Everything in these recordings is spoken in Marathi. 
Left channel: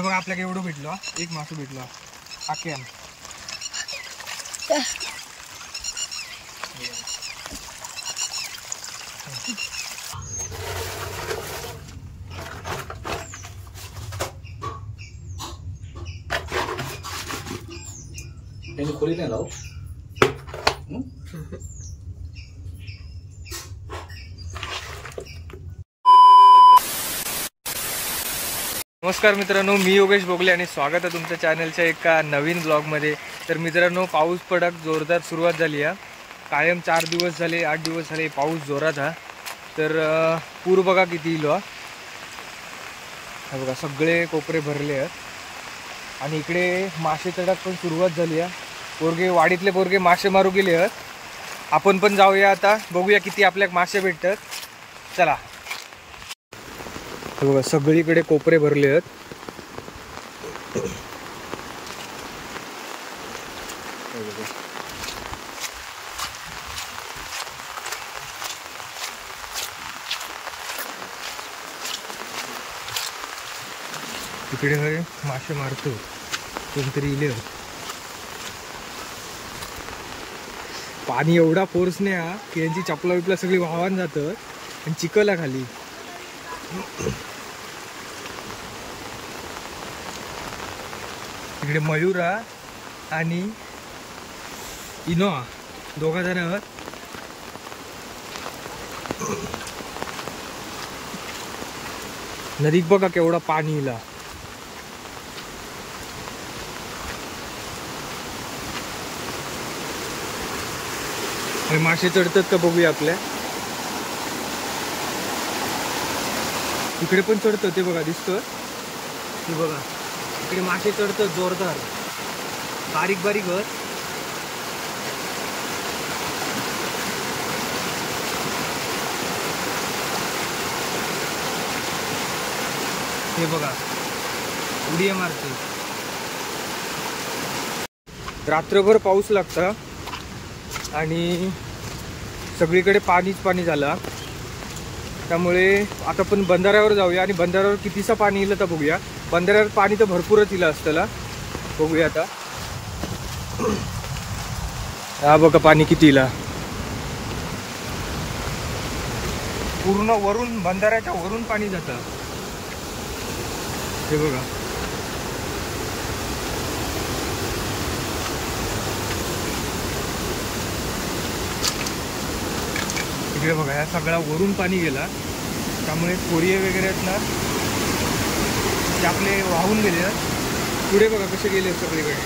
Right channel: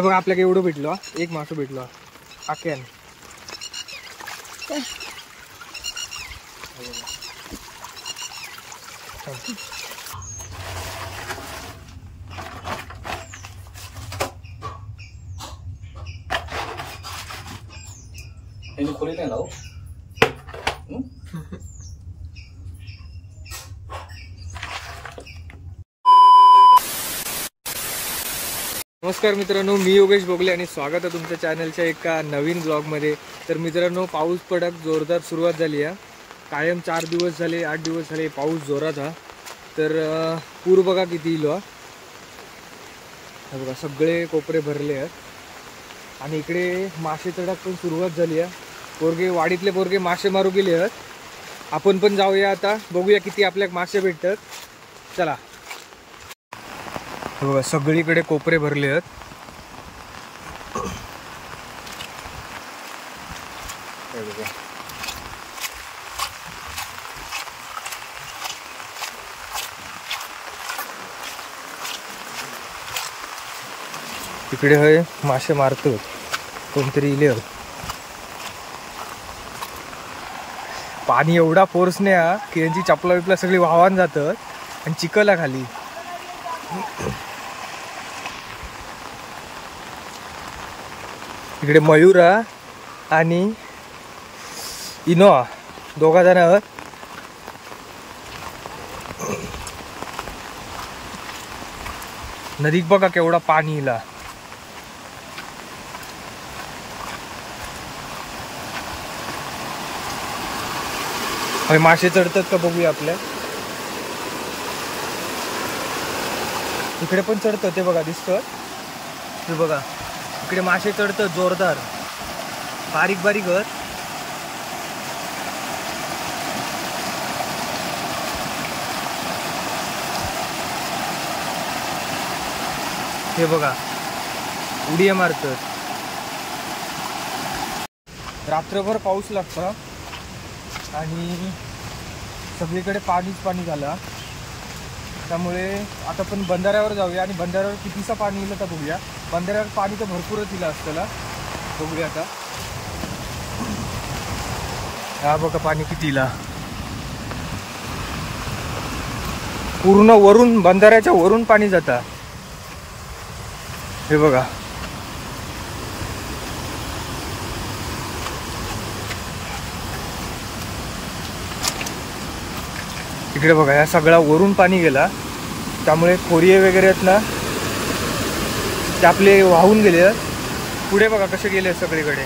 हे बघा आपल्याला एवढं भेटलो, एक मासू भेटलो आक्यान. खोली नाही लाव. नमस्कार मित्रांनो, मी योगेश बोगले आणि स्वागत आहे तुमच्या चॅनलच्या एका नवीन ब्लॉगमध्ये. तर मित्रांनो, पाऊस पडक जोरदार सुरुवात झाली आहे. कायम 4 दिवस झाले 8 दिवस झाले पाऊस जोरात हा. तर पूर बघा किती इलो बघा, सगळे कोपरे भरले आहेत आणि इकडे मासे तडक पण सुरुवात झाली आहे. पोरगे वाडीतले पोरगे मासे मारू गेले आहेत. आपण पण जाऊया आता, बघूया किती आपल्याला मासे भेटतात. चला. बघा सगळीकडे कोपरे भरले आहेत. बघा तिकडे हे मासे मारतो कोणतरी इले. पाणी एवढा फोर्सने हा की यांची चपला विपला सगळी वाहवान जातात आणि चिखला खाली. इकडे मयूरा आणि इनोआ दोघा जण आहेत. नदीत बघा केवढा पाणी इला. मासे चढतात का बघूया आपल्या. इकडे पण चढतं ते बघा, दिसतं ते बघा. इकडे मासे चढतात जोरदार, बारीक बारीक आहेत. हे बघा उड्या मारतात. रात्रभर पाऊस लागता आणि सगळीकडे पाणीच पाणी झालं. त्यामुळे आता पण बंधाऱ्यावर जाऊया आणि बंधाऱ्यावर कितीचं पाणी येईल तर बघूया. बंधाऱ्यावर पाणी तर भरपूरच येईल असतं, बघूया आता. हा बघा पाणी किती येईल, पूर्ण वरून बंधाऱ्याच्या वरून पाणी जातं. हे बघा इकडे बघा, या सगळा वरून पाणी गेला. त्यामुळे खोरिये वगैरे आहेत ना ते आपले वाहून गेले. पुढे बघा कसे गेले सगळीकडे,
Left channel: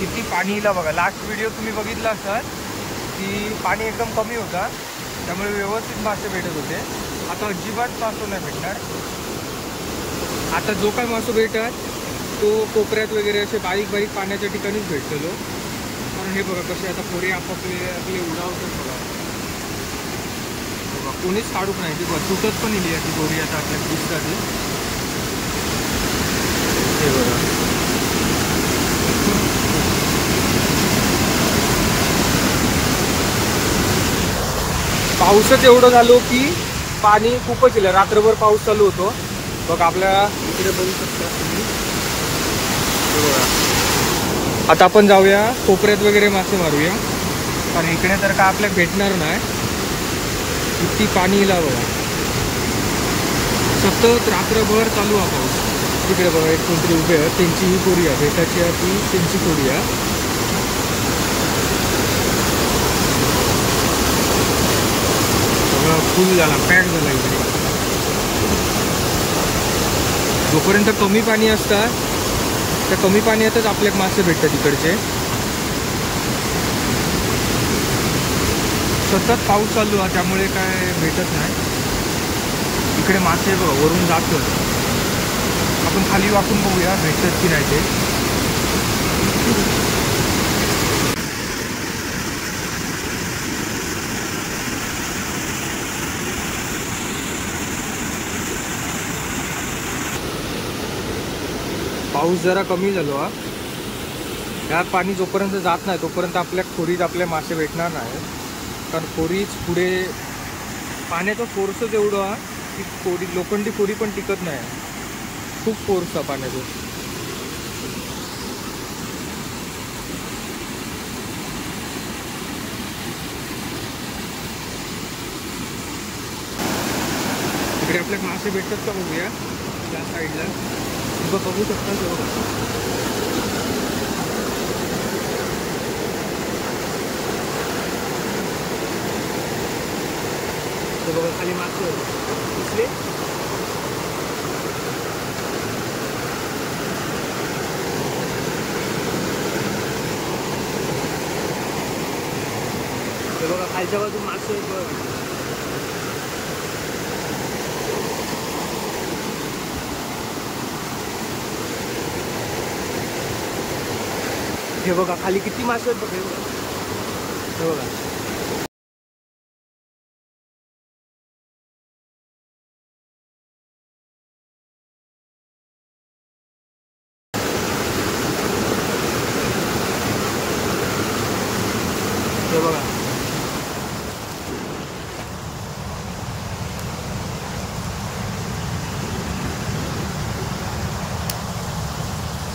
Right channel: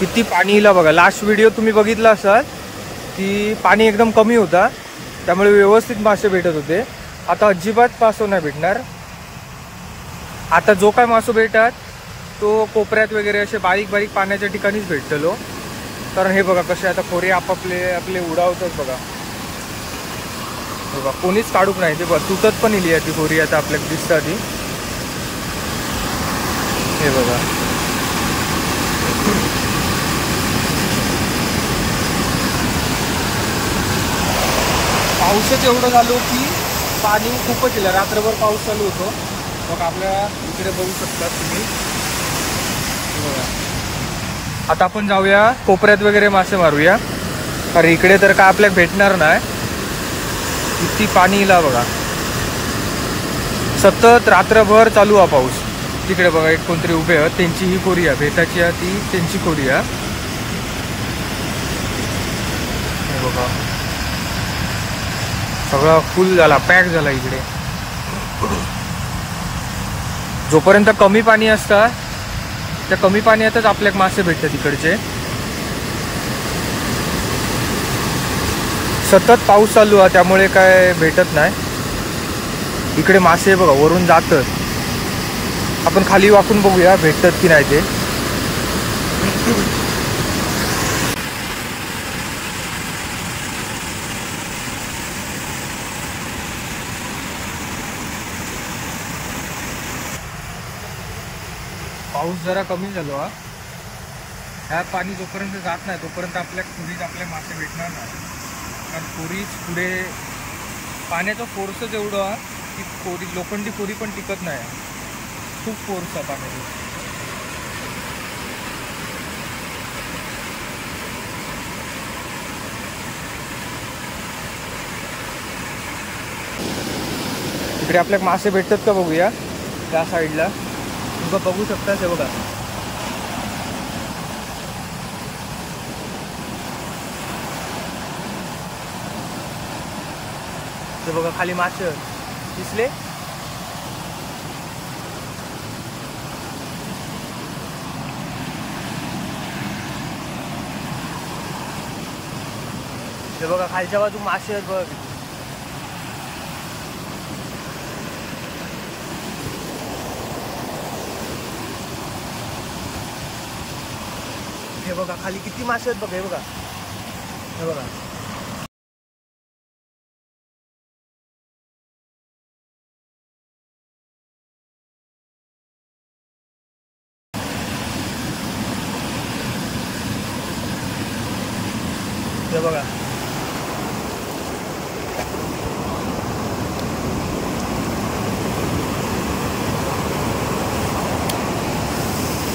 किती पाणी येईल बघा. लास्ट व्हिडिओ तुम्ही बघितला असाल की पाणी एकदम कमी होता, त्यामुळे व्यवस्थित मासे भेटत होते. आता अजिबात मासो नाही भेटणार. आता जो काय मासो भेटतात तो कोपऱ्यात वगैरे असे बारीक बारीक पाण्याच्या ठिकाणीच भेटतो. कारण हे बघा कसे आता खोरे आपले उडावतात बघा. बघा कोणीच काढूक नाही ते बघा, तुटत पण इली ती खोरी आता आपल्याला दिसत आधी. हे बघा पाऊसच एवढं झालो की पाणी खूपच येईल. रात्रभर पाऊस चालू होतो बघा. आपल्या इकडे बघू शकता तुम्ही. हे बघा आता आपण जाऊया कोपऱ्यात वगैरे मासे मारूया, कारण इकडे तर काय आपल्याला भेटणार नाही. किती पाणी येईल बघा, सतत रात्रभर चालू हा पाऊस. तिकडे बघा एक कोणतरी उभे आहेत, त्यांची ही खोरी आहे भेटाची आहे, ती त्यांची खोरी आहे. सगळं फुल झाला, पॅक झाला इकडे. जोपर्यंत कमी पाणी असतं त्या कमी पाण्यातच आपल्याला मासे भेटतात. इकडचे सतत पाऊस चालू आहे त्यामुळे काय भेटत नाही. इकडे मासे बघा वरून जातात. आपण खाली वाकून बघूया भेटतात की नाही ते. पाऊस जरा कमी झालो हा. ह्या पाणी जोपर्यंत जात नाही तोपर्यंत आपल्या खोरीत आपले मासे भेटणार नाही. कारण खोरीच पुढे पाण्याचा फोर्सच एवढा की खोरी लोखंडी खोरी पण टिकत नाही. खूप फोर्स आहे पाण्याची. इकडे आपल्याला मासे भेटतात का बघूया. त्या साईडला तुम्ही बघू शकता ते बघा. ते बघा खाली मासे दिसले. ते बघा खालच्या बाजू मासे आहेत बघा. हे बघा खाली किती मासे आहेत बघा. हे बघा, हे बघा. हे बघा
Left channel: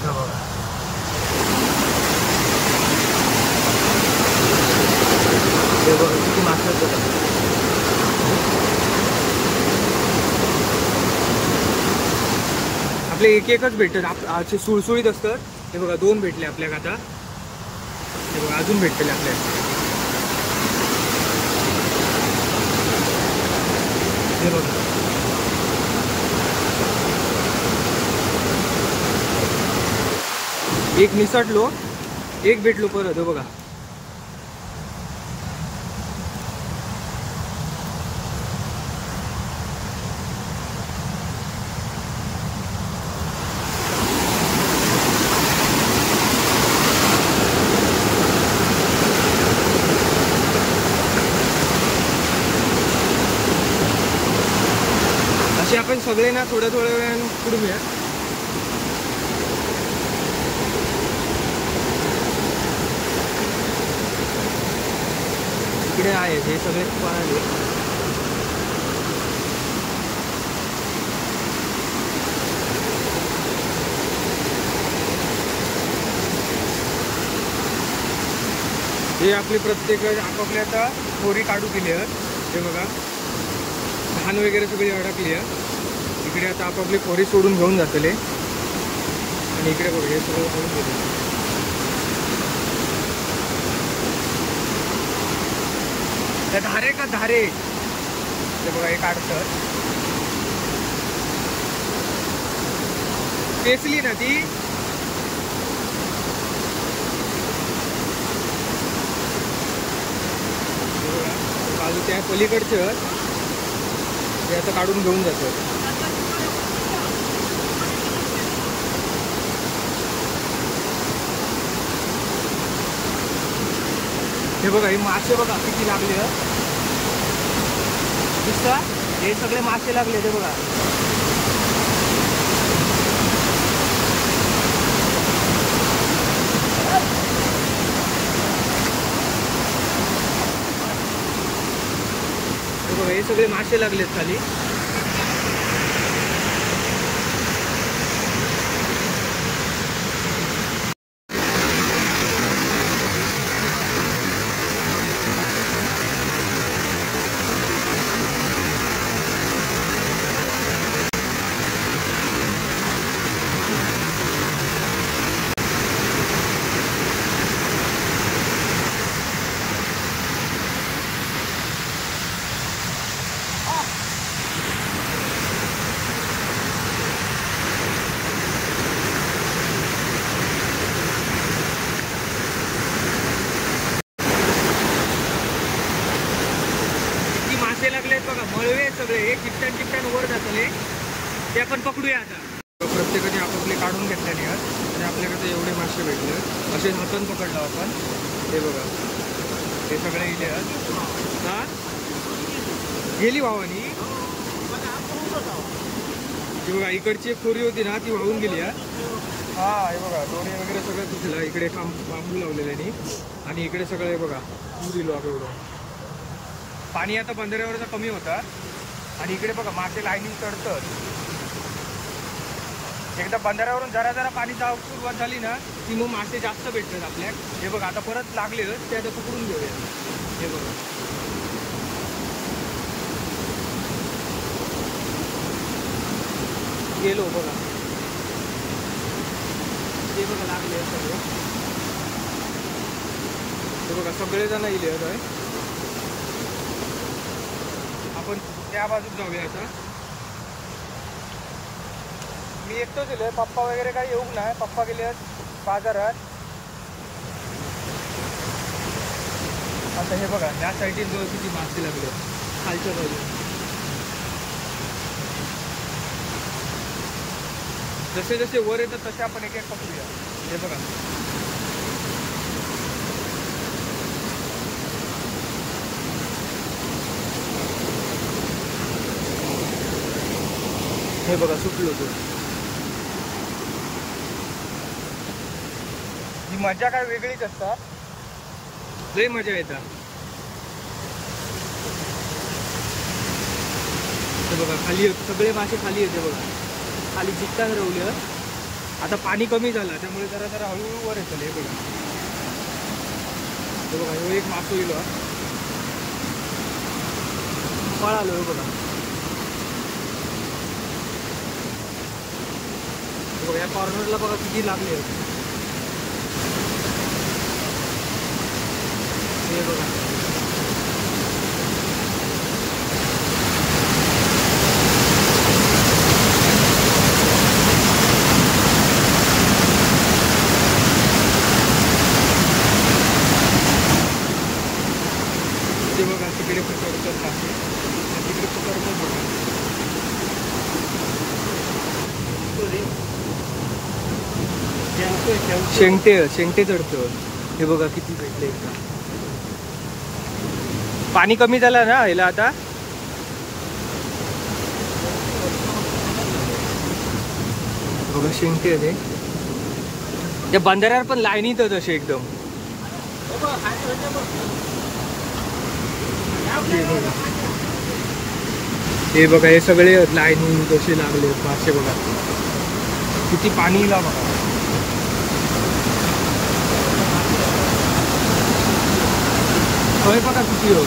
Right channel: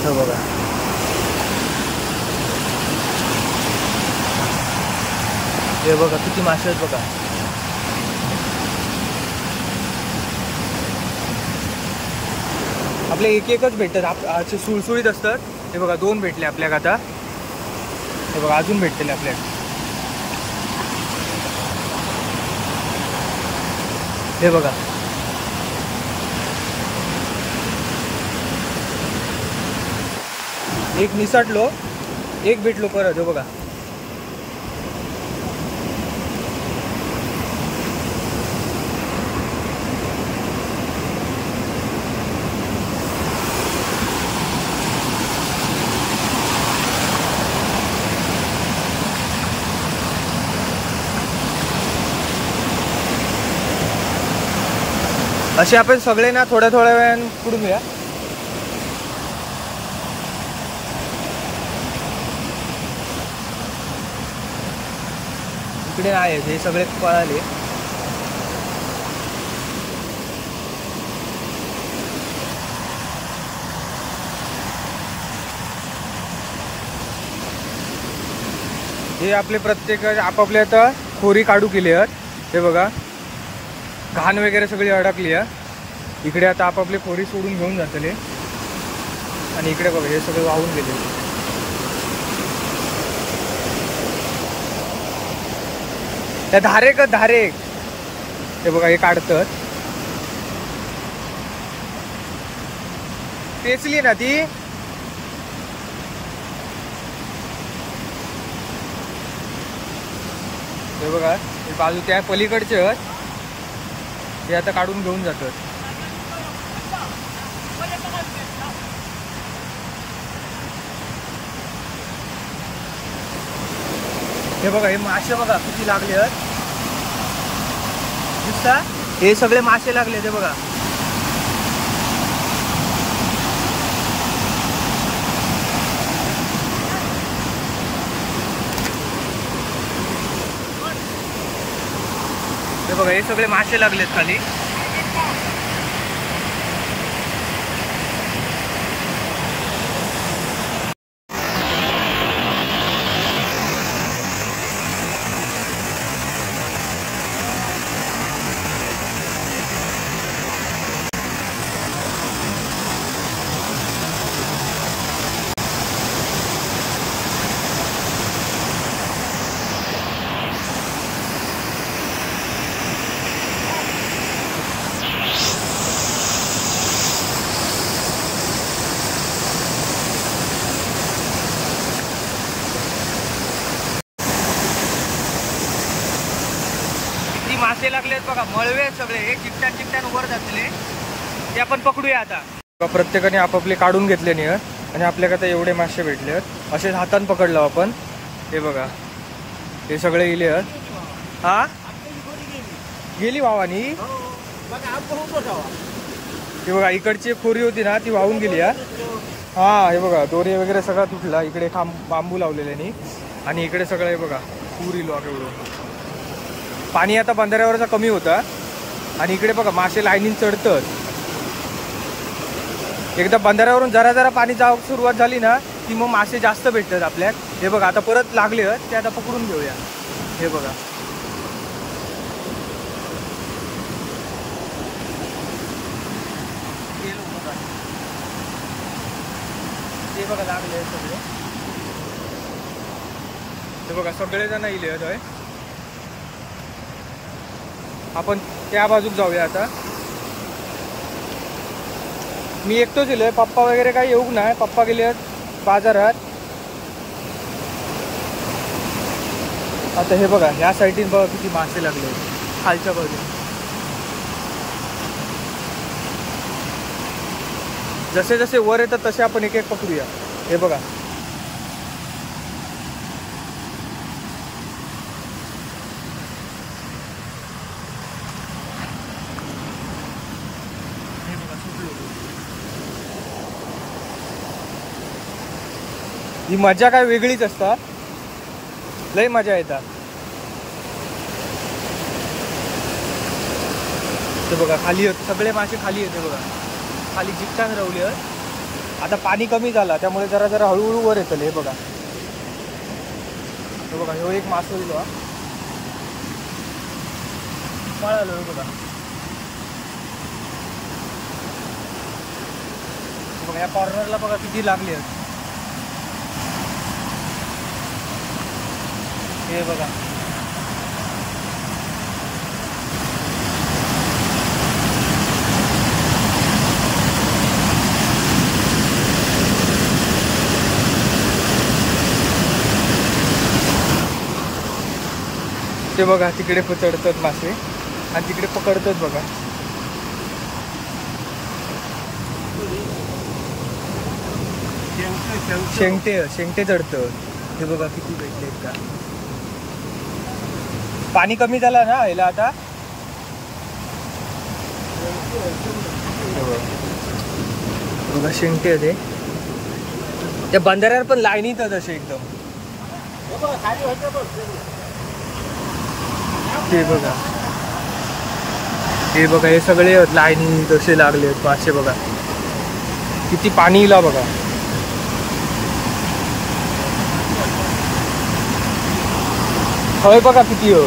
हे बघा. हे बघा किती मासे आहेत बघा. आपले एक एकच भेटतात. असे सुळसुळीत असतात. हे बघा 2 भेटले आपल्याला आता. हे बघा अजून भेटले आपल्याला. हे बघा एक निसटलो, एक भेटलो परत. हे बघा असे आपण सगळे ना थोड्या थोड्या वेळाने पुढून या. इकडे आहेत हे सगळे पळाले. हे आपले प्रत्येक आपापल्या आता खोरी काढू केली आहेत. हे बघा घाण वगैरे सगळी अडकली आहे. इकडे आता आपापली खोरी सोडून घेऊन जातले. आणि इकडे बघा हे सगळं वाहून गेले. त्या धारे. हे बघा हे काढतात. पेचली ना ती. हे बघा बाजू त्या पलीकडचे आहेत. हे आता काढून घेऊन जातात. हे बघा हे मासे बघा किती लागले आहेत. दिसता हे सगळे मासे लागले. ते बघा हे सगळे मासे लागलेत खाली. मासे लागलेत बघा. मळवे सगळे हे चिकटान वर जातले. ते आपण पकडूया आता. प्रत्येकाने आपापले काढून घेतले नाही आणि आपल्याकडे आता एवढे मासे भेटले आहेत. असे हातान पकडलो आपण. हे बघा हे सगळे गेले आहेत. हा गेली वावानी. हे बघा इकडची एक खोरी होती ना ती वाहून गेली. हा हे बघा दोन्ही वगैरे सगळा तुटला. इकडे बांबू लावलेल्यानी. आणि इकडे सगळं हे बघा पूर इलो एवढं. पाणी आता बंधाऱ्यावरचा कमी होता. आणि इकडे बघा मासे लाईनीन चढतात. एकदा बंधाऱ्यावरून जरा जरा पाणी जाऊ सुरुवात झाली ना की मग मासे जास्त भेटतात आपल्याला. हे बघा आता परत लागले ते आता पकडून घेऊया. हे बघा गेलो बघा, ते बघा लागले सगळे. हे बघा सगळे जण इले आहेत. आपण त्या बाजूक जाऊया आता. मी एकटोच गेलोय, पप्पा वगैरे काही येऊ नाही. पप्पा गेले आहेत बाजारात. आता हे बघा या साईडने बघा किती मासे लागले खालच्या बाजून. जसे जसे वर येतात तसे आपण एक एक पकडूया. हे बघा हे बघा सुटली होती. ही मजा काय वेगळीच असता, लय मजा येतात. ते बघा खाली सगळे मासे खाली येते बघा, खाली जिकतान रवले. आता पाणी कमी झाला त्यामुळे जरा जरा हळूहळू वर येतले. हे बघा हे बघा ह्यो एक मासो इलो पळालो. हे बघा हे बघा या कॉर्नरला बघा किती लागले आहेत. हे बघा ते बघा तिकडे पकडतात मासे आणि तिकडे पकडतात बघा. शेंगटे चढतं. हे बघा किती भेटले एकदा. पाणी कमी झालं ना ह्याला आता. बघा शेंगटे होते त्या बंधाऱ्यावर पण लाईनीत असे एकदम. हे बघा हे बघा हे सगळे लाईनी जसे लागले मासे. बघा किती पाणी इला बघा. हवे बघा किती हो.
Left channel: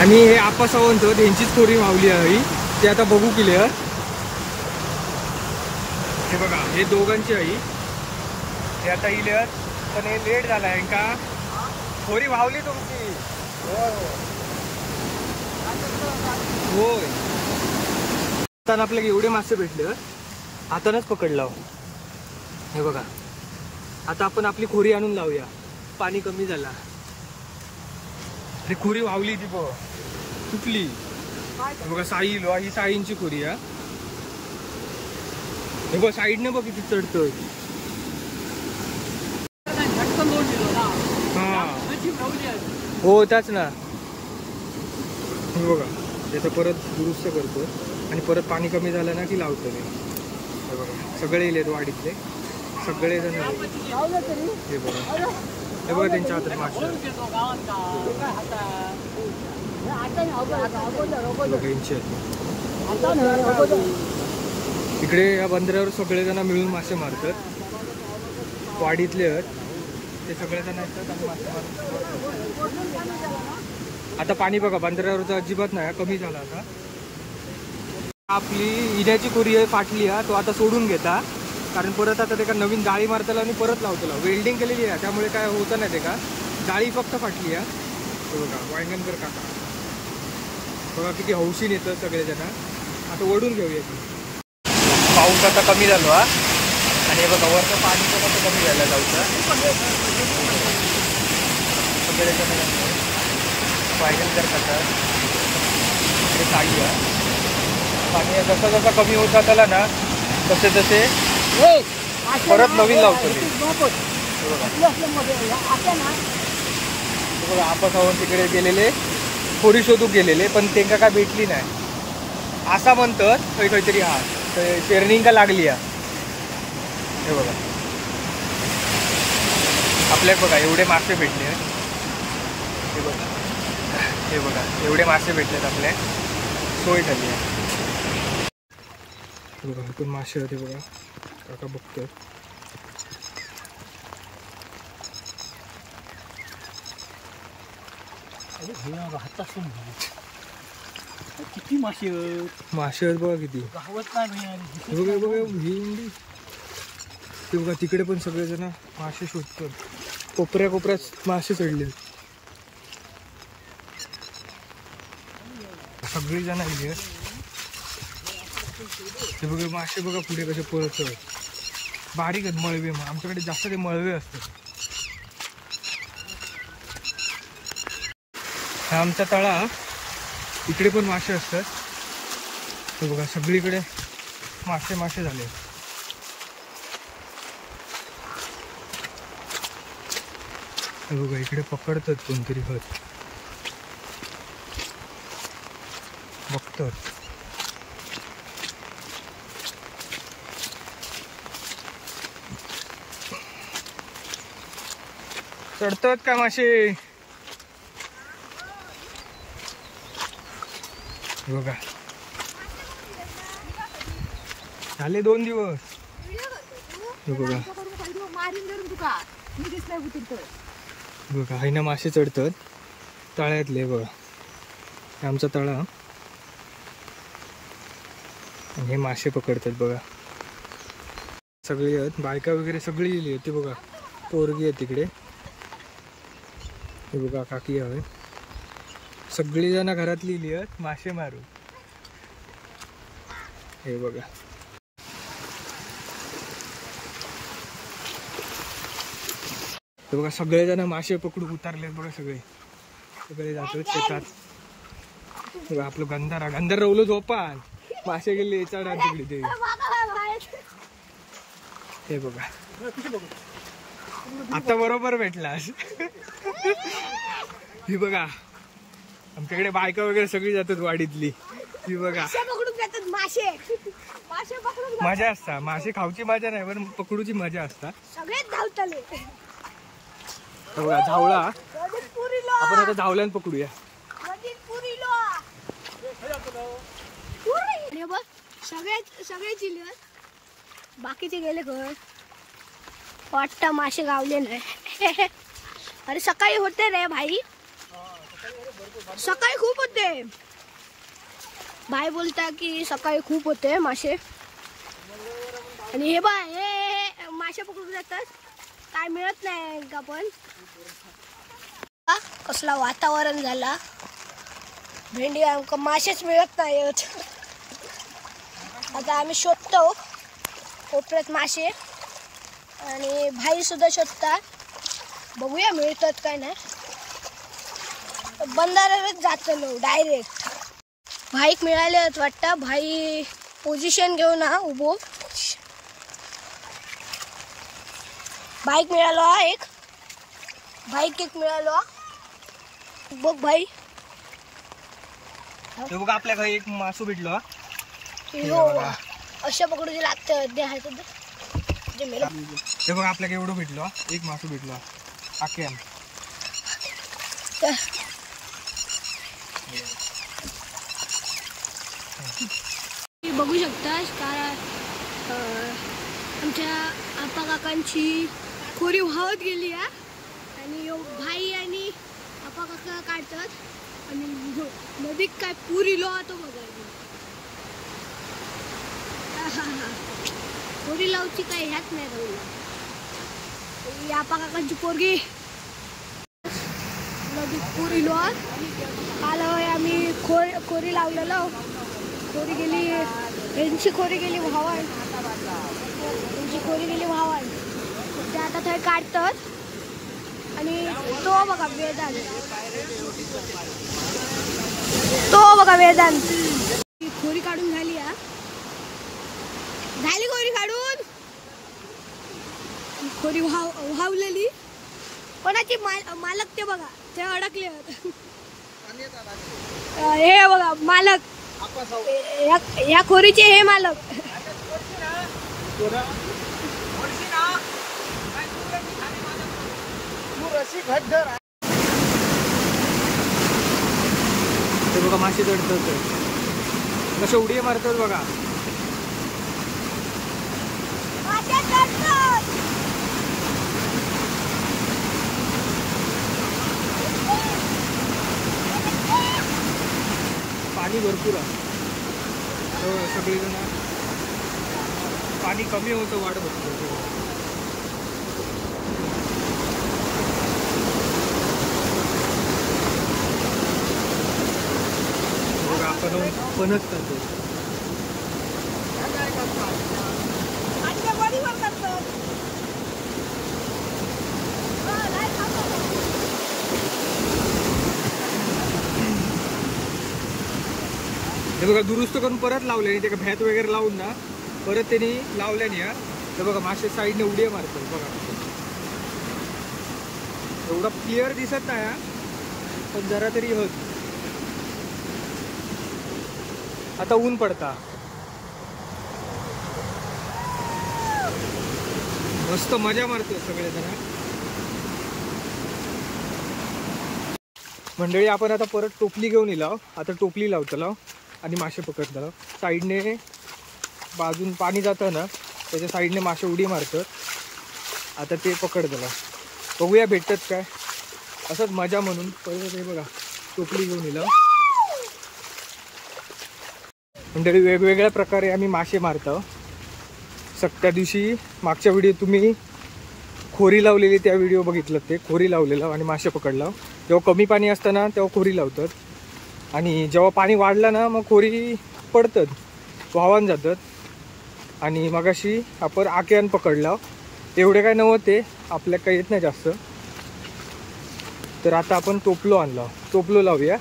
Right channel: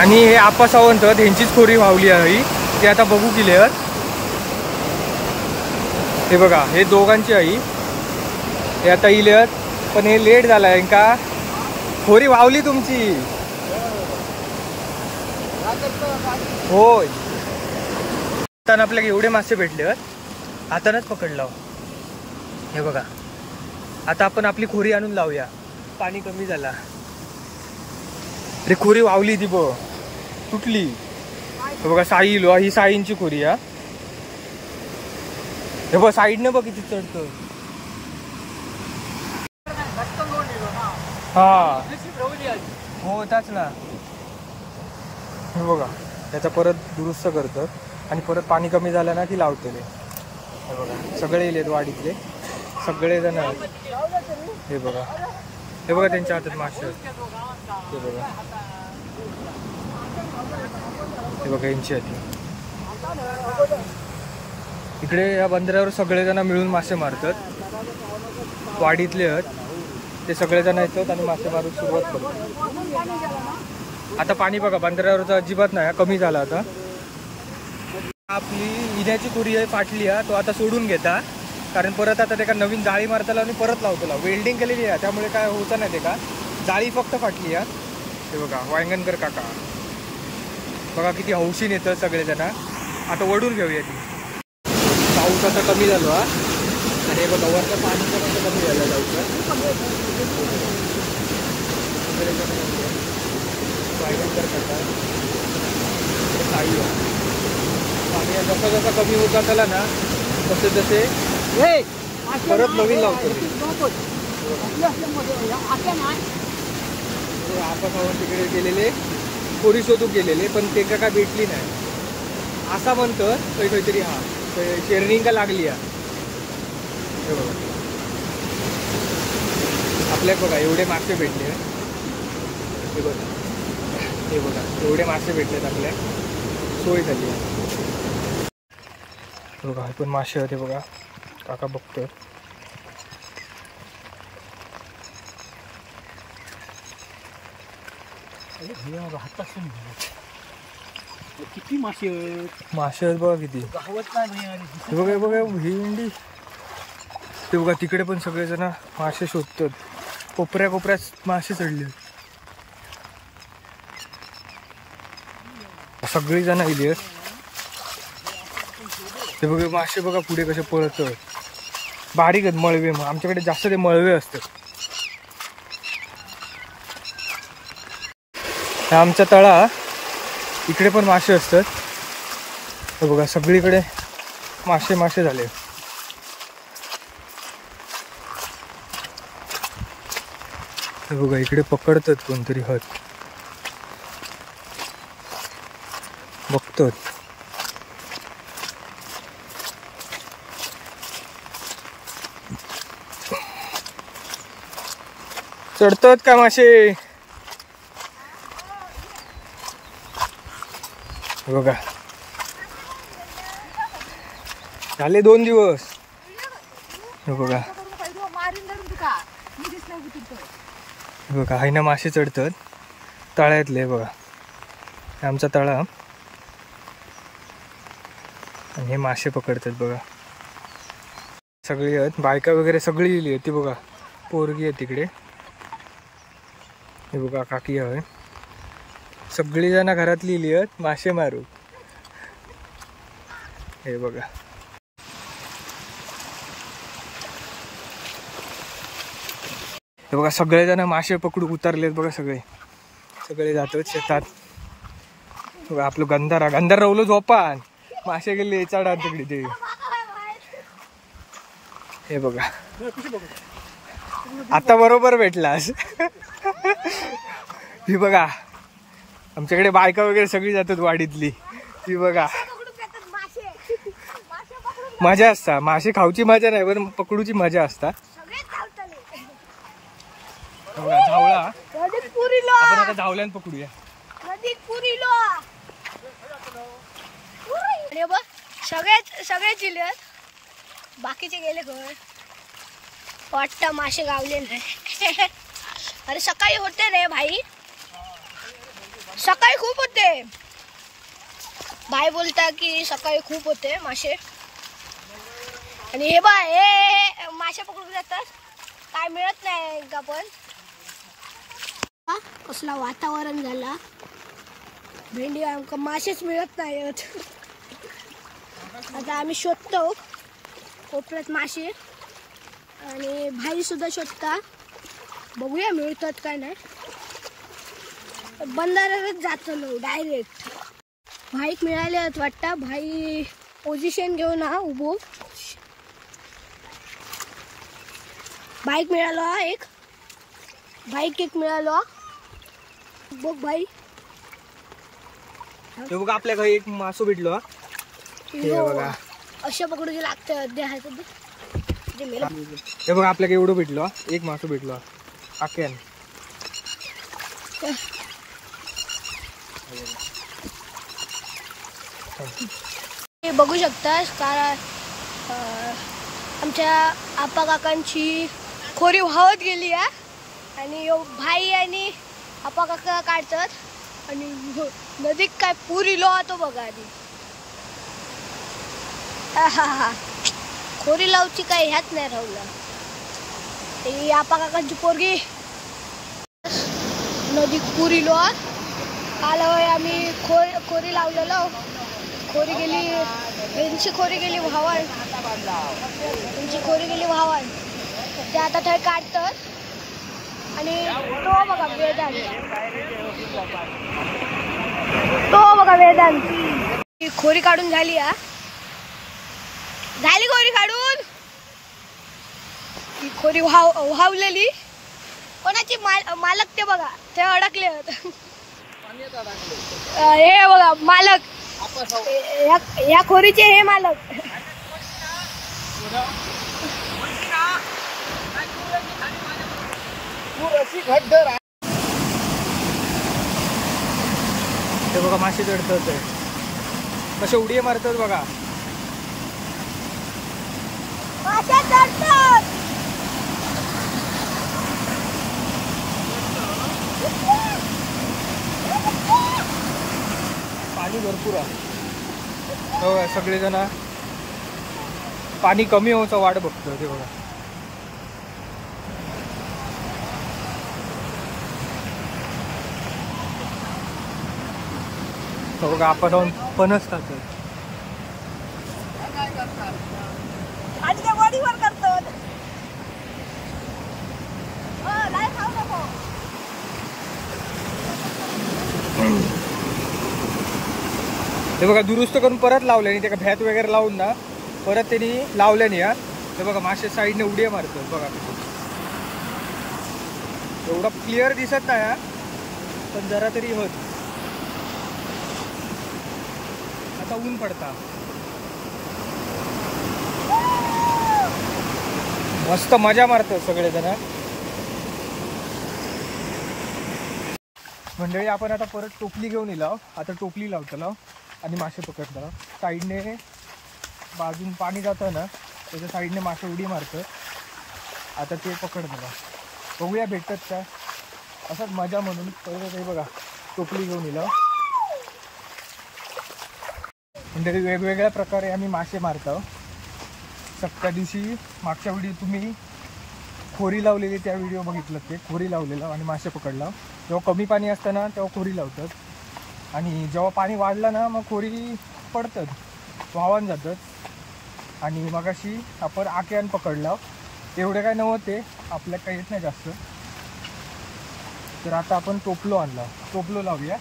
आणि हे आपा सावंत यांचीच खोरी वावली आहे ते आता बघू क्लिअर. हे बघा हे दोघांची आई हे आता इले पण हे लेट झालाय का खोरी वावली तुमची. होय आता आपल्याला एवढे मासे भेटले हातानच पकडला. हे बघा आता आपण आपली खोरी आणून लावूया. पाणी कमी झाला रे. खोरी वावली ती बघ तुटली. हे बघा साई इलो ही साईंची खोरी. हे बघ साईडने बघ किती चढतोय. हा हो त्याच ना. हे बघा त्याचा परत दुरुस्त करतो आणि परत पाणी कमी झालं ना की लावतो. हे बघा सगळे येलेत वाडीतले सगळे जण. हे बघा हे बघा त्यांच्या हातात मासे. हे बघा हे बघा यांची हाती. इकडे या बंदरावर सगळेजण मिळून मासे मारतात. वाडीतले आहेत ते सगळेजण येतात आणि मासे मारून सुरुवात करतात. आता पाणी बघा बंदरावरचं अजिबात नाही कमी झाला. आता आपली इण्याची खोरी फाटली तो आता सोडून घेता कारण परत आता ते का नवीन जाळी मारताला आणि परत लावतो. वेल्डिंग केलेली आहे त्यामुळे काय होतं नाही ते का जाळी फक्त फाटली. हे बघा वांगणकर काका बघा किती हौशीन येतं सगळेजण. आता वडून घेऊया ती. पाऊस आता कमी झालो आणि हे बघा वरचं पाणी पण आता कमी झालं जाऊचं. वांगणकर काका काही आणि जसं जसं कमी होत जाताला ना तसे तसे परत नवीन लावतो. आपण तिकडे गेलेले खोरी शोधून गेलेले पण त्यांना काय भेटली नाही. असा म्हणतं काहीतरी हा शेअरिंग का लागली. हे बघा आपल्याला बघा एवढे मासे भेटले. हे बघा हे बघा एवढे मासे भेटलेत आपल्या, सोय झाली आहे बघा. हे पण मासे होते बघा, काका बघतोय. किती मासे आहेत बघा किती. हे बघा बघा भेंडी. ते बघा तिकडे पण सगळेजण मासे शोधतात. कोपऱ्या कोपऱ्यात मासे चढले. सगळी जण इली आहेत. हे बघा मासे बघा पुढे कसे पळत. बारीक आहेत मळवे. आमच्याकडे जास्त ते मळवे असतात. आमच्या तळा इकडे पण मासे असतात. हे बघा सगळीकडे मासे मासे झाले. हे बघा इकडे पकडतात कोणतरी हत बघतात. चढतात का मासे. बघा झाले 2 दिवस. हे बघा बघा आहे ना मासे चढतात तळ्यातले. बघा आमचा तळा आणि हे मासे पकडतात बघा. सगळी आहेत बायका वगैरे सगळी लिहिली आहे ती बघा. पोरगी आहे तिकडे. हे बघा काकी आहे. सगळी जण घरात लिहिली आहेत मासे मारू. हे बघा हे बघा सगळेजण मासे पकडू उतरलेत बघा. सगळे जातात शेतात. बघा आपलं गंधारा रवलो झोपान. मासे गेले चढा तिकडे ते. हे बघा आता बरोबर भेटलास. ही बघा आमच्याकडे बायका वगैरे सगळी जातात वाडीतली. ही बघा मजा असता. मासे खाऊची मजा नाही पण पकडूची मजा असता. बघा धावला. आपण आता धावल्यान पकडूया. सगळे जिल्ह्यात बाकीचे गेले घर वाटतं मासे गावले नाही. अरे सकाळी होते रे भाई, सकाळी खूप होते. भाई बोलता की सकाळी खूप होते मासे. आणि हे बा हे मासे पकडून जातात काय मिळत नाही का. पण कसला वातावरण झाला. भेंडी आमका मासेच मिळत नाहीत. आता आम्ही शोधतो कोपऱ्यात मासे. आणि भाई सुद्धा शोधता. बघूया मिळतात काय नाही. बंधाऱ्यावरच जातो डायरेक्ट. भाईक मिळाले वाटतं. भाई पोझिशन घेऊन ना उभो. बाईक मिळालो एक. बाईक एक मिळालो बघ भाई. हे बघा आपल्या घरी एक मासू भेटलो. अशा पकडूचे लागतं. हे बघा आपल्याला एवढं भेटलो. एक मासू भेटलो आख्यान. बघू शकतास कारण आमच्या आप्पा काकांची खोरी वाहत गेली आहे. आणि भाई आणि आप्पा काका काढतात. आणि नदीत काय पूर इलो तो बघा आधी. खोरी लावची काय ह्याच नाही राहुला. ते आप्पा काकांची पोरगी नदीत पूर इलो. काल आम्ही खोरी लावलेलो. खोरी गेली यांची खोरी गेली व्हावण. त्यांची खोरी गेली व्हावण. ते आता थंय काढतात. आणि तो बघा वेदांत. खोरी काढून झाली. झाली खोरी काढून. ही खोरी वाहवलेली. कोणाची मालक ते बघा ते अडकले. हे बघा मालक. या खोरीचे हे मालक. बघा मासे चढतात कसे उडी मारतात बघा. पाणी भरपूर आहे बघा. सगळेजण पाणी कमी होतं वाट बघतो ते बघा. बघा आपण फणस खातोय. हे बघा दुरुस्त करून परत लावल्याने ते का भ्यात वगैरे लावून ना परत त्यांनी लावल्याने या. ते बघा मासे साईडने उड्या मारतोय बघा. एवढा क्लिअर दिसत नाही हा, पण जरा तरी होत. आता ऊन पडता मस्त मजा मारतो सगळेजण. मंडळी आपण आता परत टोपली घेऊन येलो. आता टोपली लावतो आणि मासे पकडतो. साईडने बाजून पाणी जातं ना त्याच्या साईडने मासे उडी मारतात. आता ते पकडतो. बघूया भेटतात काय. असंच मजा म्हणून परत हे बघा टोपली घेऊन येलो. मंडळी वेगवेगळ्या प्रकारे आम्ही मासे मारतो. त्या दिवशी मागच्या व्हिडिओ तुम्ही खोरी लावलेली त्या व्हिडिओ बघितलं. ते खोरी लावलेलं आणि मासे पकडला. जेव्हा कमी पाणी असतं ना तेव्हा खोरी लावतात आणि जेव्हा पाणी वाढलं ना मग खोरी पडतात वाहून जातात. आणि मगाशी आपण आक्यान पकडला. एवढे काय नव्हते आपल्या काही येत नाही जास्त. तर आता आपण टोपलो आणला. टोपलो लावूया.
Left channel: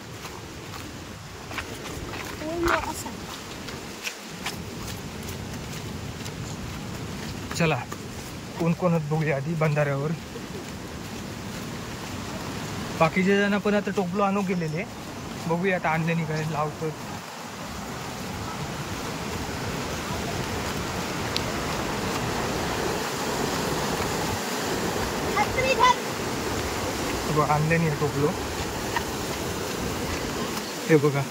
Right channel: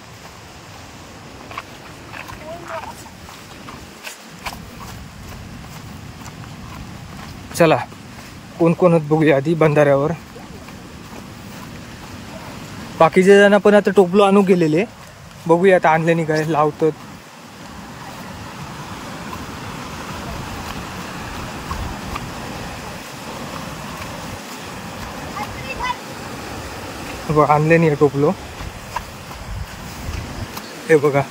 चला कोण कोण बघूया आधी बंधाऱ्यावर. बाकीचे जण पण आता टोपलो आणू गेलेले. बघूया आता आणल्याने काय लावतात. बघा आणल्याने आहे टोपलो. हे बघा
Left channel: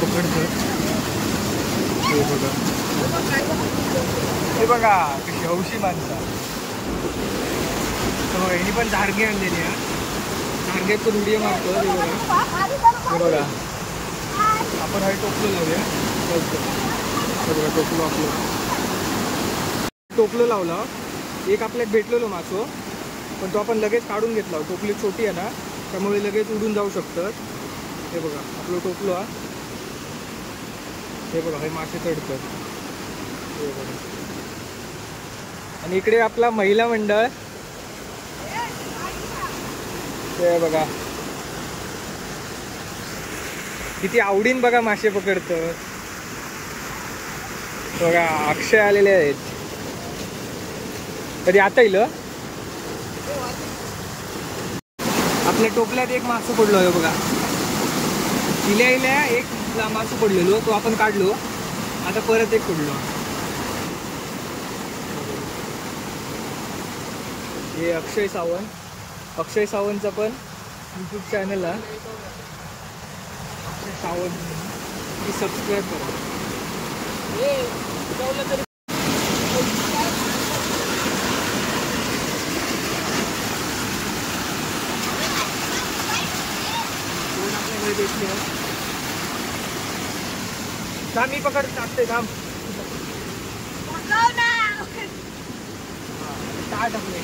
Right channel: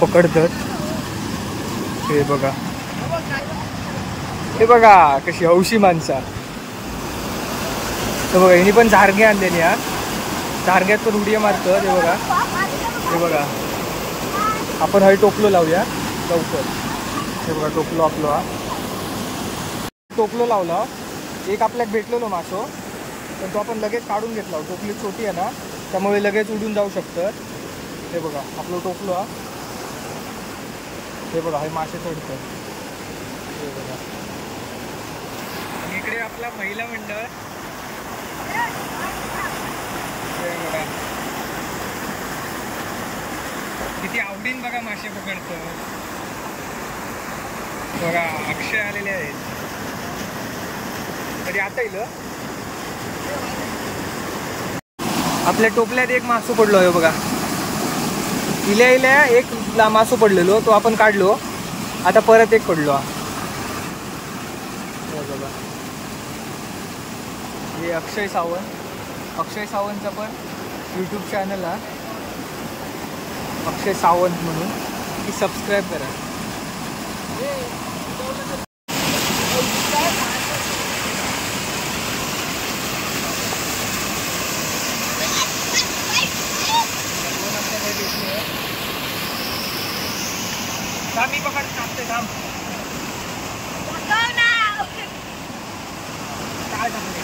पकडतात. हे बघा हे बघा कशी हौशी माणसा. हे बघा यांनी पण झारगे आणलेली हा. झारग्यात पण उड्या मारतात. हे बघा हे बघा. आपण हे टोपलो लावूया लवकर. हे बघा टोपलो आपलो हा. टोपलो लावला. एक आपल्याला भेटलेलो मासो पण तो आपण लगेच काढून घेतला. टोपली छोटी आहे ना त्यामुळे लगेच उडून जाऊ शकतात. हे बघा आपलं टोपलो हा. हे बघा हे मासे चढतात. हे बघा. आणि इकडे आपला महिला मंडळ. हे बघा किती आवडीन बघा मासे पकडतं. बघा अक्षय आलेले आहेत. तरी आता येईल आपल्या टोपल्यात एक मासू पडलो आहे बघा. इल्या एक मासू पडलेलो तो आपण काढलो. आता परत एक पडलो. बघा हे अक्षय सावंत. अक्षय सावंतचा पण यूट्यूब चॅनल आहे अक्षय सावंत म्हणून. ती सबस्क्राईब करा. दोन आपल्याकडे भेटले. मी पकड टाकते थांब. काय टाकले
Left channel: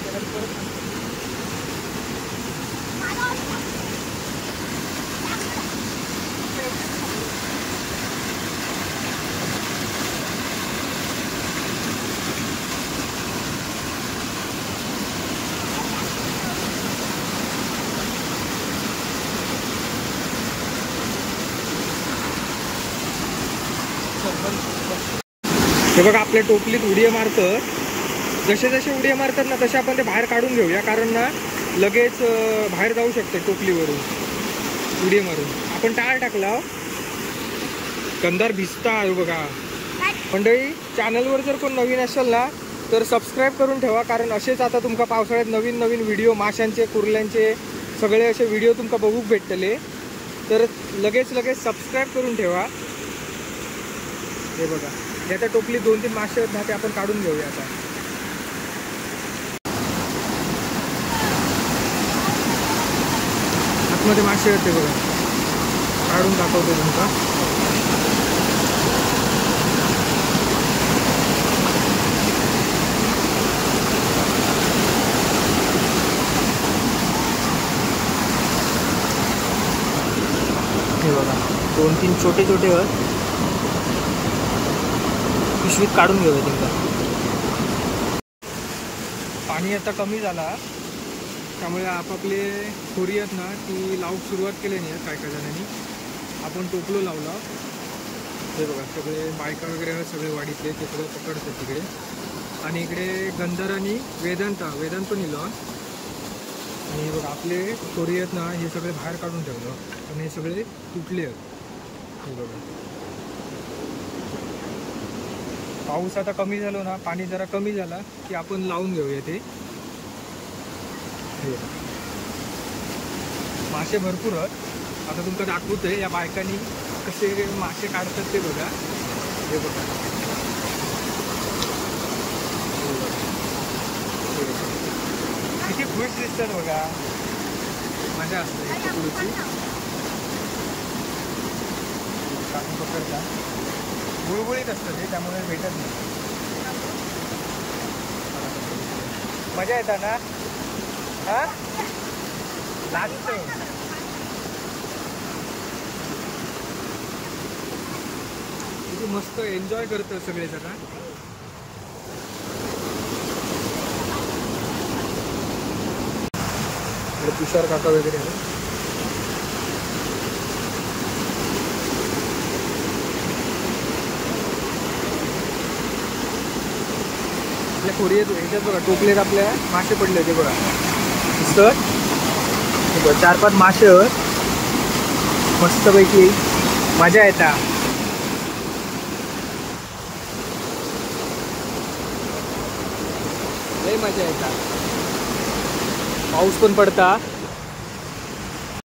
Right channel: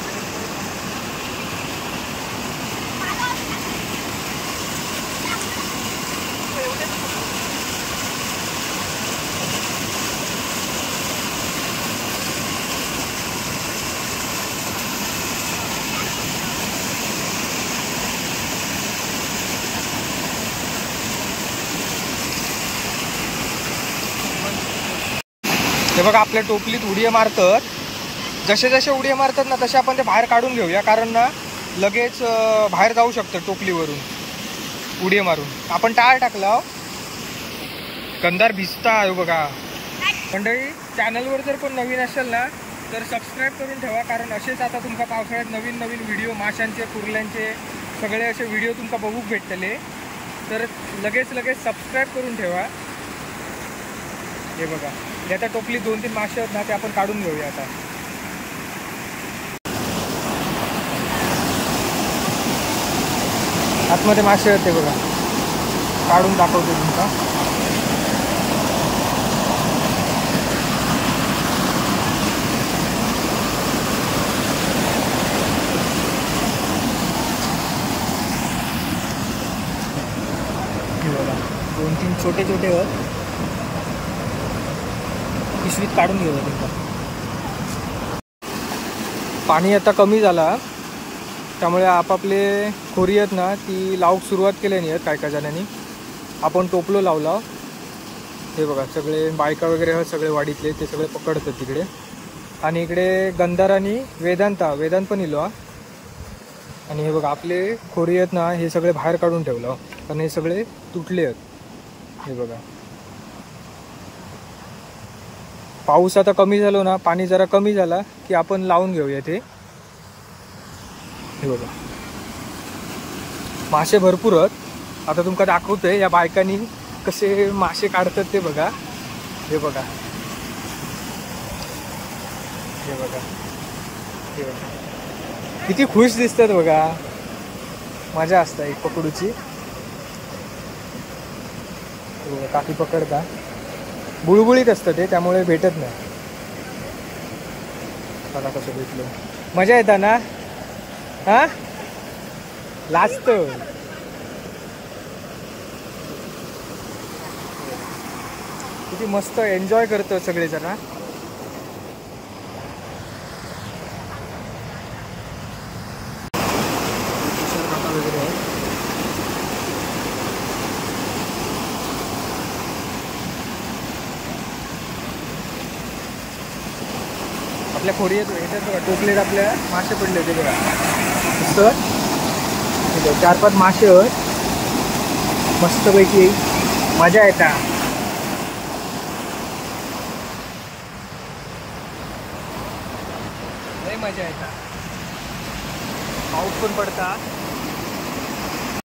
हे बघा आपल्या टोपलीत उड्या मारतात. जसे जसे उड्या मारतात ना तसे आपण ते बाहेर काढून घेऊया. कारण ना लगेच बाहेर जाऊ शकतं टोपलीवरून उड्या मारून. आपण टाळ टाकला कंदार भिजता आहे बघा. मंडळी चॅनलवर जर कोण नवीन असेल ना तर सबस्क्राईब करून ठेवा. कारण असेच आता तुमका पावसाळ्यात नवीन नवीन व्हिडिओ माशांचे कुर्ल्यांचे सगळे असे व्हिडिओ तुमका बघूक भेटतले, तर लगेच सबस्क्राईब करून ठेवा. हे बघा, हे आता टोपली 2-3 मासे आहेत ना, ते आपण काढून घेऊया आता. आतमध्ये मासे आहेत ते बघा, काढून दाखवते तुमका. हे बघा 2-3 छोटे आहेत, पिशवीत काढून घेऊया तुमका. पाणी आता कमी झाला, त्यामुळे आपापले खोरी आहेत ना ती लावूक सुरुवात केली नाही आहेत काय जणांनी. आपण टोपलो लावला. हे बघा सगळे बायका वगैरे आहेत, सगळे वाडीतले ते सगळे पकडतात तिकडे. आणि इकडे गंधार आणि वेदांत पण इलो. आणि हे बघा आपले खोरी आहेत ना, हे सगळे बाहेर काढून ठेवलं कारण हे सगळे तुटले आहेत. हे बघा पाऊस आता कमी झालो ना, पाणी जरा कमी झाला की आपण लावून घेऊया ते. हे बघा मासे भरपूर आहेत. आता तुमका दाखवतोय या बायकांनी कसे मासे काढतात ते बघा. हे बघा हे बघा हे बघा किती खुश दिसतात बघा, मजा असते पकडूची. काफी पकडता बुळबुळीत असतं ते, त्यामुळे भेटत नाही. बघा कसं भेटलं, मजा येता ना. हा लाजत किती मस्त एन्जॉय करतो सगळे जरा. तुषार काका वगैरे आहे. आपल्या खोरी ह्याच्यात बघा टोपलेत आपल्या मासे पडले होते बघा. तर 4-5 मासे आहेत, मस्तपैकी मजा येता. लय मजा येता, पाऊस पण पडता.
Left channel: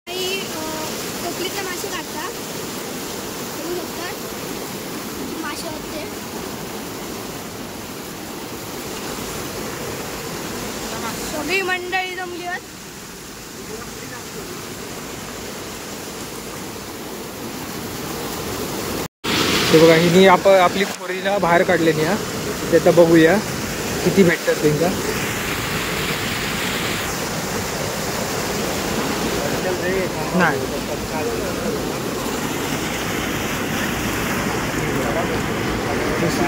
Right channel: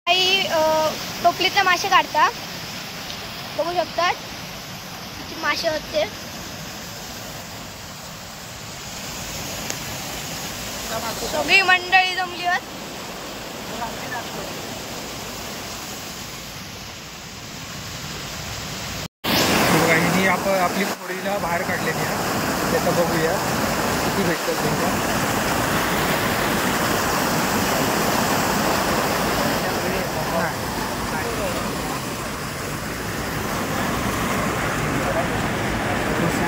काही टोपलीतले मासे काढता, बघू शकतात किती मासे आहेत ते. सगळी मंडळी जमली आहेत. बघा ही आपली खोरी ना बाहेर काढलेली आहे, त्याचं बघूया किती भेटतात तुमका. नाही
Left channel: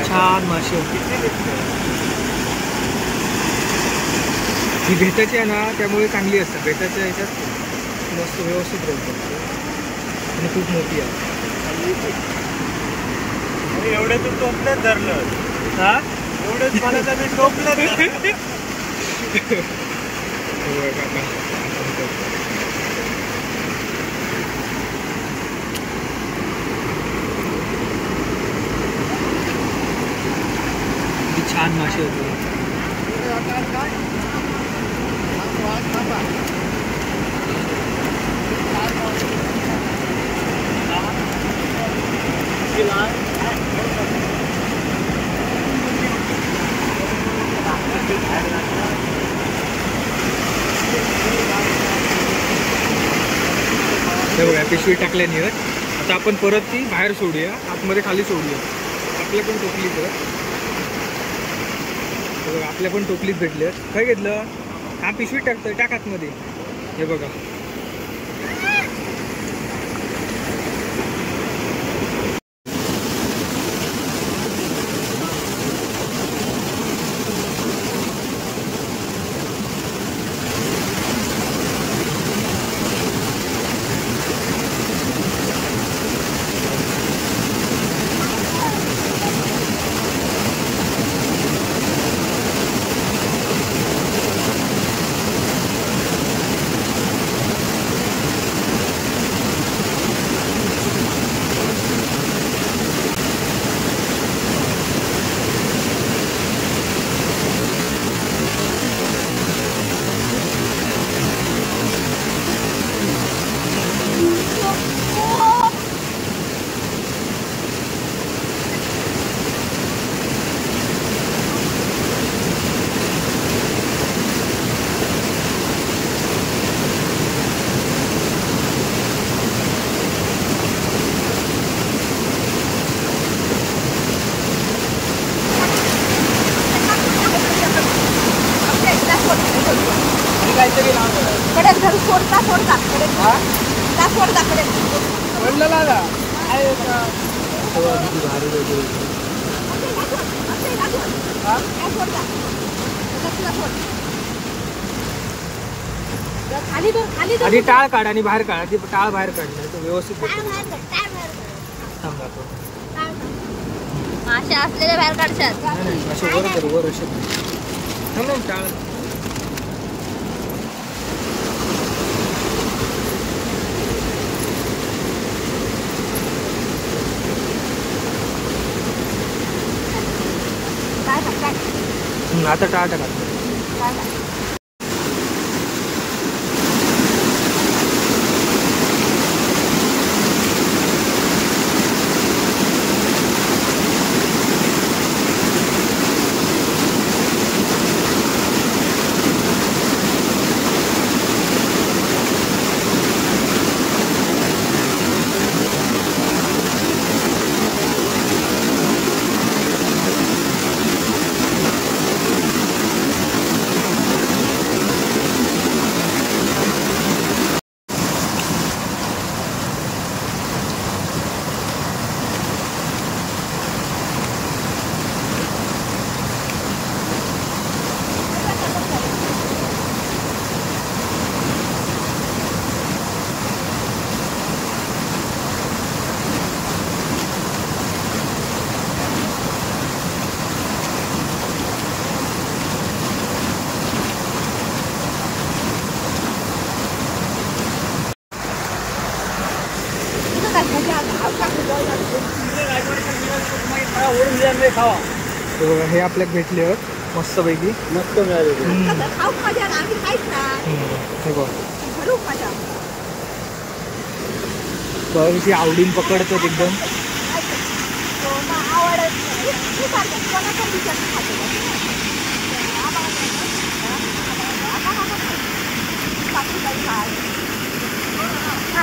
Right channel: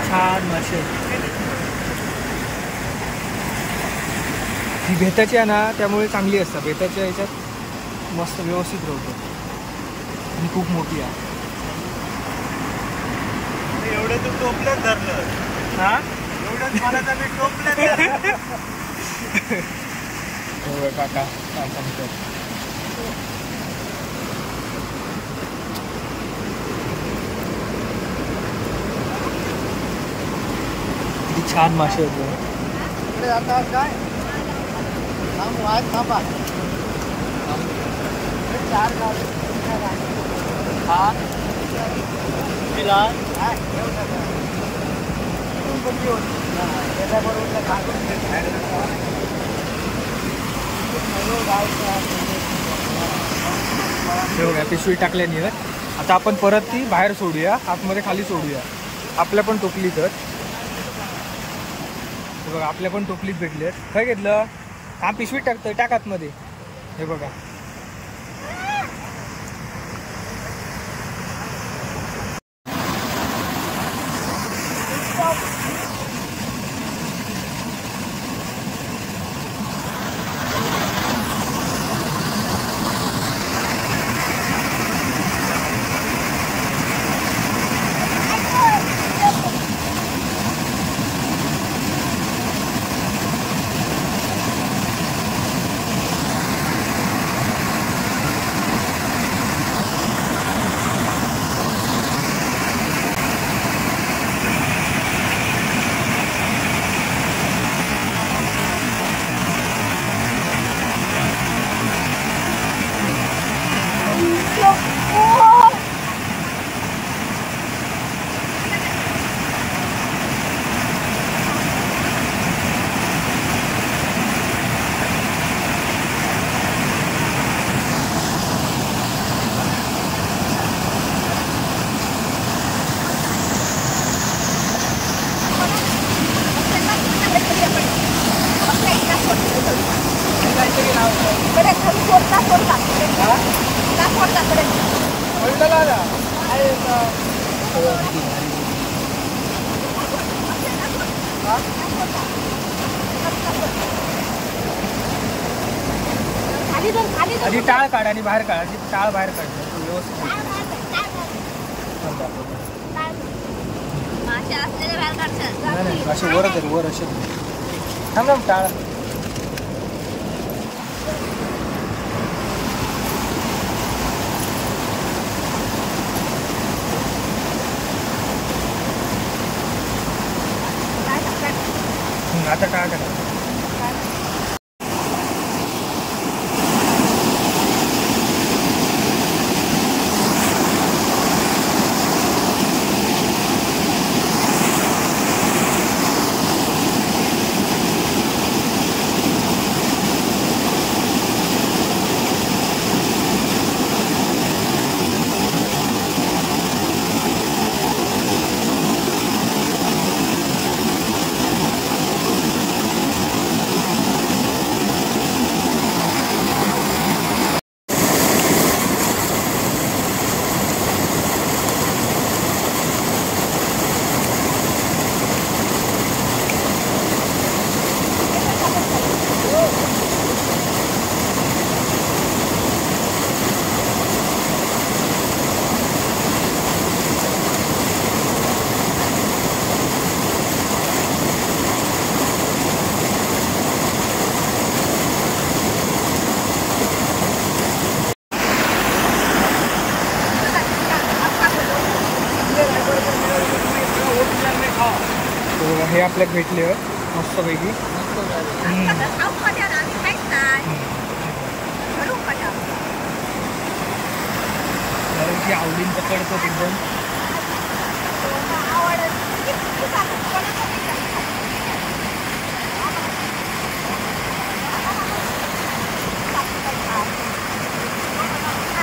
छान मासे. ही भेताची आहे ना, त्यामुळे चांगली असतात. भेताच्या ह्याच्यात मस्त व्यवस्थित राहतो आणि खूप मोठी आहे. हा काका किती छान मासे होते. हे बघा पिशवी टाकल्यानी आहेत. आता आपण परत ती बाहेर सोडूया, आतमध्ये खाली सोडूया. आपल्या पण टोपलीत आहेत. हे बघा आपल्या पण टोपलीत भेटले आहेत. काय घेतलं? हा पिशवीत टाकतोय, टाक आतमध्ये. हे बघा आधी टाळ काढ आणि बाहेर काढ. आधी टाळ बाहेर काढलं तो व्यवस्थित भेटेल. थांब दाखवतो. नाही नाही असे वर कर वर असे थांब थांब टाळ. आता टाळ टाकायचं. हे बघा हे आपल्याला भेटले आहेत मस्तपैकी. मस्त मिळाले. त्याची आवडीन पकडतो एकदम.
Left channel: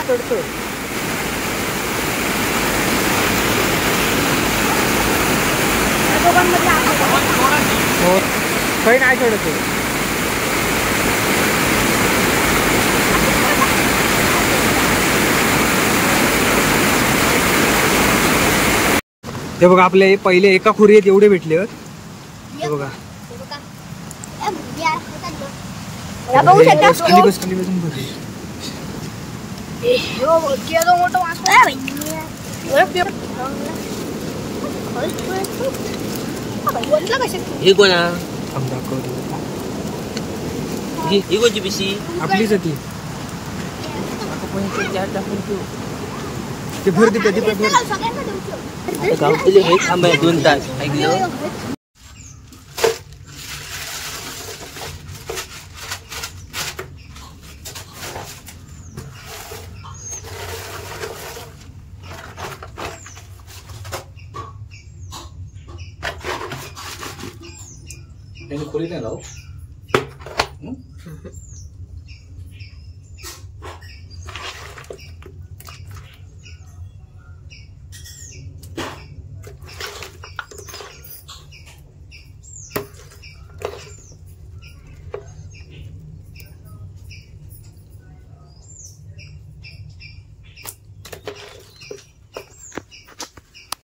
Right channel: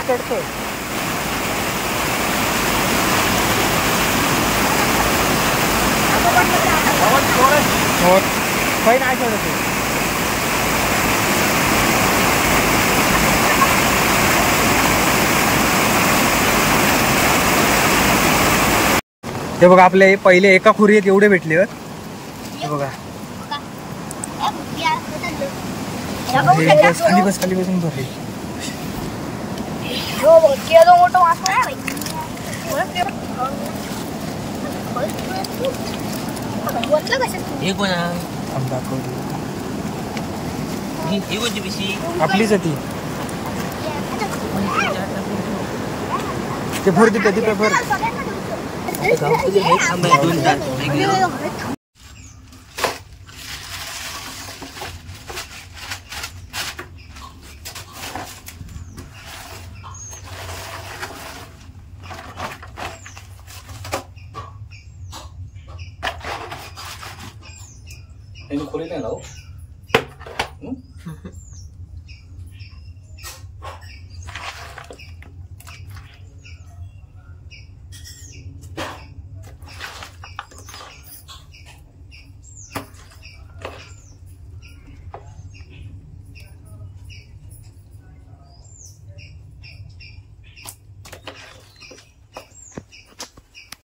चढतो. हो काही नाही चढतो. हे बघा आपले पहिले एका खुरीत एवढे भेटले आहेत. हे बघा खाली बस खाली बसून भरले. आपलीच ती ते भर दे कधी भर. खोली नाही लाव.